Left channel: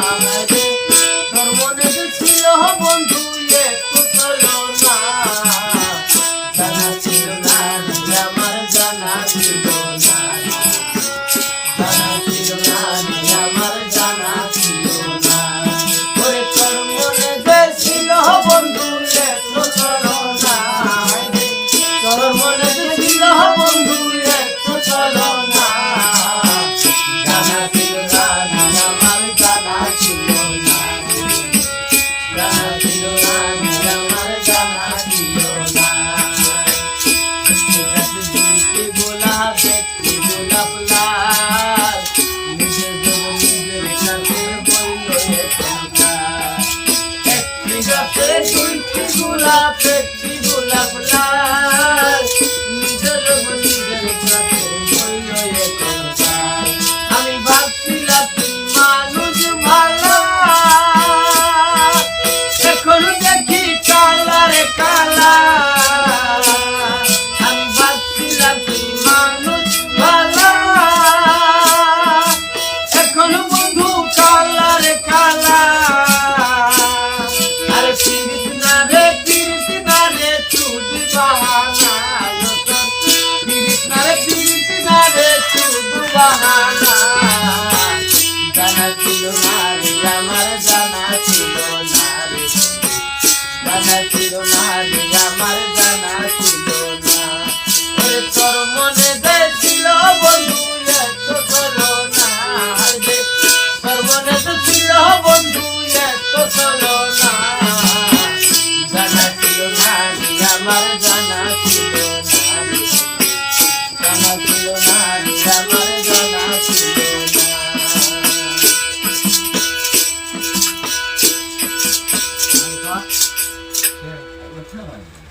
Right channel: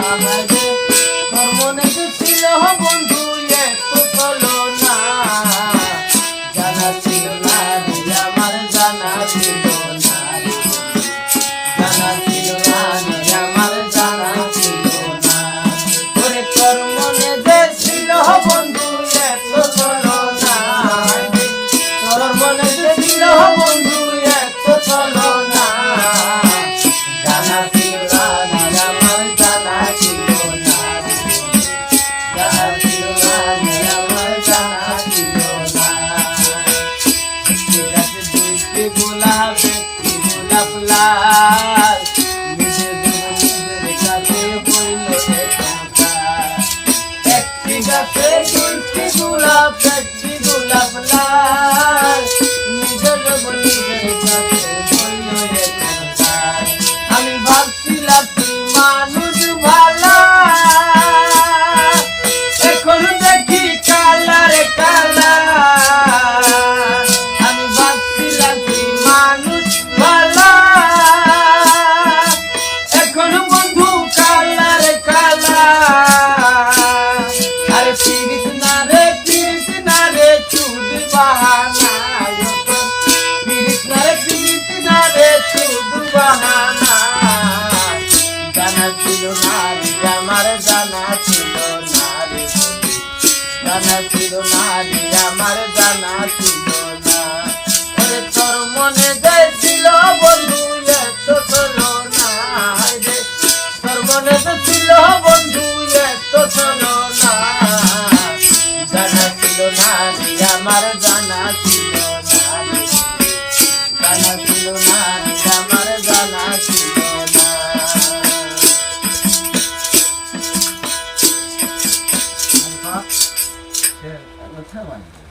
আমারে সর্বনেশে ছিল বন্ধু ગુલાબ કચ્છી ગુલાબ લાલ জানা ছিল না। রে জানা ছিল না রে আমার জানা ছিল না ওরে তোর মনে দেছিল বন্ধু এত চলো না তোর মনে তো ছিল বন্ধু এত চলো না জানা ছিল না রে আমার জানা ছিল না জানা ছিল না time.